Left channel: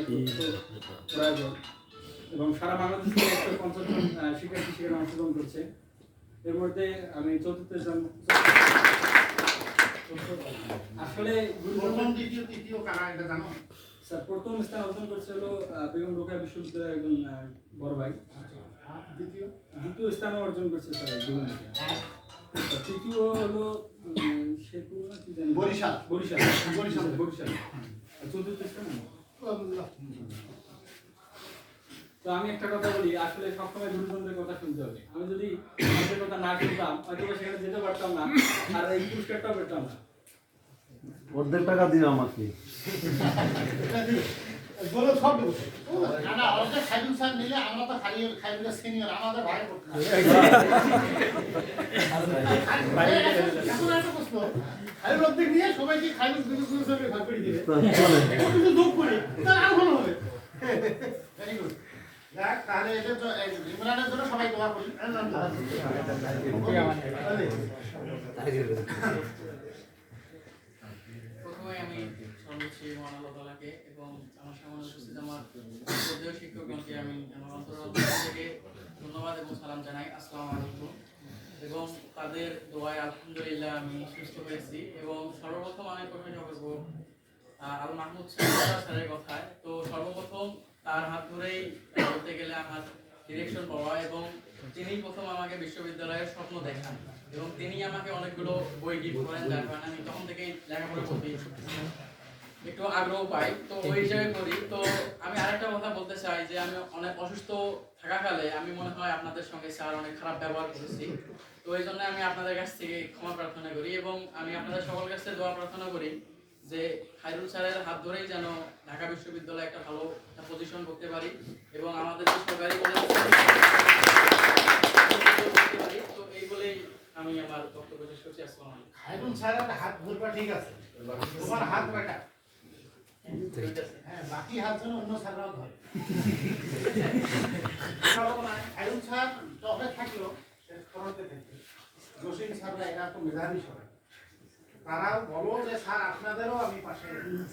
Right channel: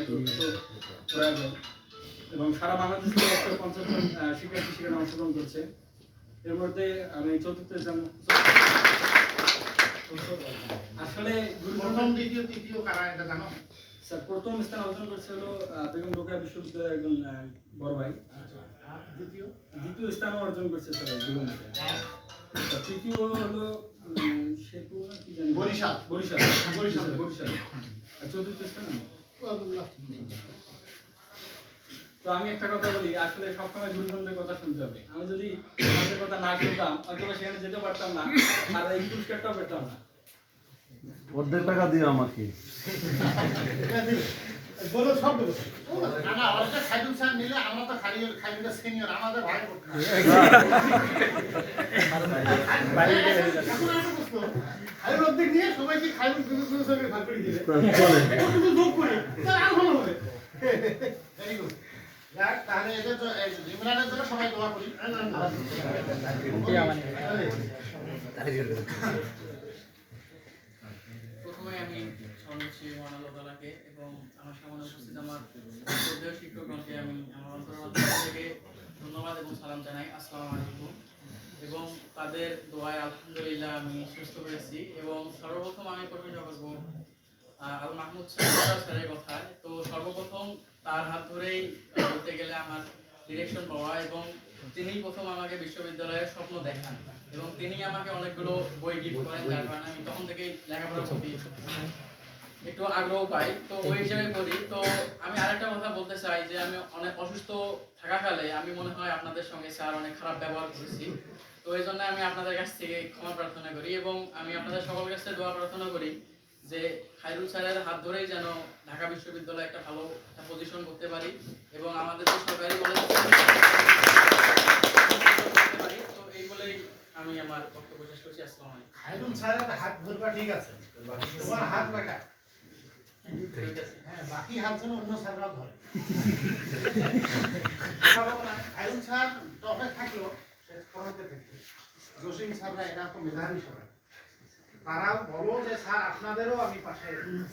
এত প্রয়োজন এবং সারা বাংলাদেশ থেকে 150 জন শিক্ষার্থী সেখানে অংশগ্রহণ করছে। এর মধ্যে আমি চতুর্থ স্থান। আসলে প্রথম দ্বিতীয় তৃতীয় কারা এটা জানো? স্যার প্রথম স্থান অর্জন করছে হলো বেগম রোকেয়া বিশ্ববিদ্যালয়ের একজন বড় ভাই। দ্বিতীয় স্থান অর্জন করছে স্যার জীবনীতে। তৃতীয় হলো শেখু না কি জানি বরিশাল। আর চতুর্থ স্থান তো আমি একটা কথা বলি, আসলে সবসময় গুরুজনদের কথা শুনতে হবে। আমি যদি আমাদের কথা না শুনতাম হয়তো সেখানে যেতে পারতাম না, আর এই পুরস্কারটাও পেতাম না। অর্ধেক টাকা দিও আমাকে। বলো সব দেবো। না না, ওটা খাইরুল স্যার নিলে আমরা তো খাইরুলের সিনিয়র, আমাদের ভাই করতে হবে। এখন একটা প্রশ্ন, খাইরুল অর্ধেক নিয়ে সবাইকে খাইরুল স্যারকে ভাগ করে দিবে। একটু যোগ করি, তাহলে আরো ভালো হবে। Very good. যাক, তাহলে এদের ইমরানের জন্য সবাই দোয়া করি। প্রথমে আমি সর্বোচ্চ মহান আল্লাহ তাআলাকে এবং আমার সামনে উপস্থিত আমার শ্রদ্ধেয় শিক্ষকগণকে আমি আমার অন্তর থেকে ধন্যবাদ এবং সালাম জানাই। আসসালামু আলাইকুম। এবং তাদের দোয়ায় আলহামদুলিল্লাহ আমি সুস্থ হয়েছি। এবং সর্বপ্রথম আমি প্রশংসা করব আল মাহমুদ স্যারের কথায়। তো সর্বপ্রথম তার হাত ধরেই বলতে গেলে আমার ডিরেকশন পাওয়া, এবং তিনি প্রথম আমাকে বিশ্ববিদ্যালয়ের স্বপ্ন দেখান এবং তিনি আমাকে অনেকগুলো বই গিফট করেন, যার কারণে আমি তখন থেকেই লেখাপড়ার প্রতি একটু আগ্রহ পাই। তো ওই হিসাবে করি। তো আমি আরেকটা কথা বলতে চাই যে আমি অনেক অসুস্থ থাকাকালে আমি মনে হয় আপনাদের সঙ্গে স্যার অনেক খারাপ ব্যবহার করেছি। তো এই জন্য আমি আপনাদের কাছ থেকে ক্ষমা প্রার্থনা করি এবং আমি আপনাদের সকল কাছে দোয়া প্রার্থনা করি যে খায়রুল স্যারের হাত ধরেই যেন ঢাকা বিশ্ববিদ্যালয়ে একটা ভালো পজিশন করতে পারি এবং আমাদের যে সরকারি কলেজ করতে পারি। তো এই বলেই আমি আমার বক্তব্য শেষ করছি। আসসালামু আলাইকুম। খাইরুল স্যারের হাত ধরবা ঠিক আছে, তোমার হাত কাটা। হ্যাঁ, বাকি হাত যেন অন্য স্যাররাও ধরে। খাইরুল স্যার টপে থাকলো, ফরতে থাকলো। জসিম স্যাররা এটা তো মেধাবী সবাই। তারাও বলো যে স্যার আপনাদেরও আমি পাশে।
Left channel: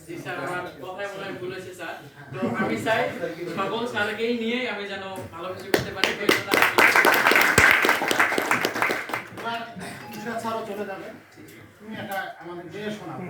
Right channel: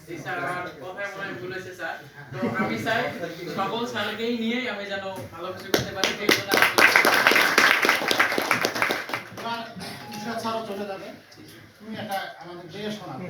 জি স্যার, আমার কথায় মনে হয় ভুল হয়েছে স্যার। তো আমি চাই সকল স্যারকেই নিয়ে আমি যেন ভালো কিছু করতে পারি। এবার ঈশাদ স্যারও চলে যাবে, তুমি এটা আমাদের যে শোনাবে।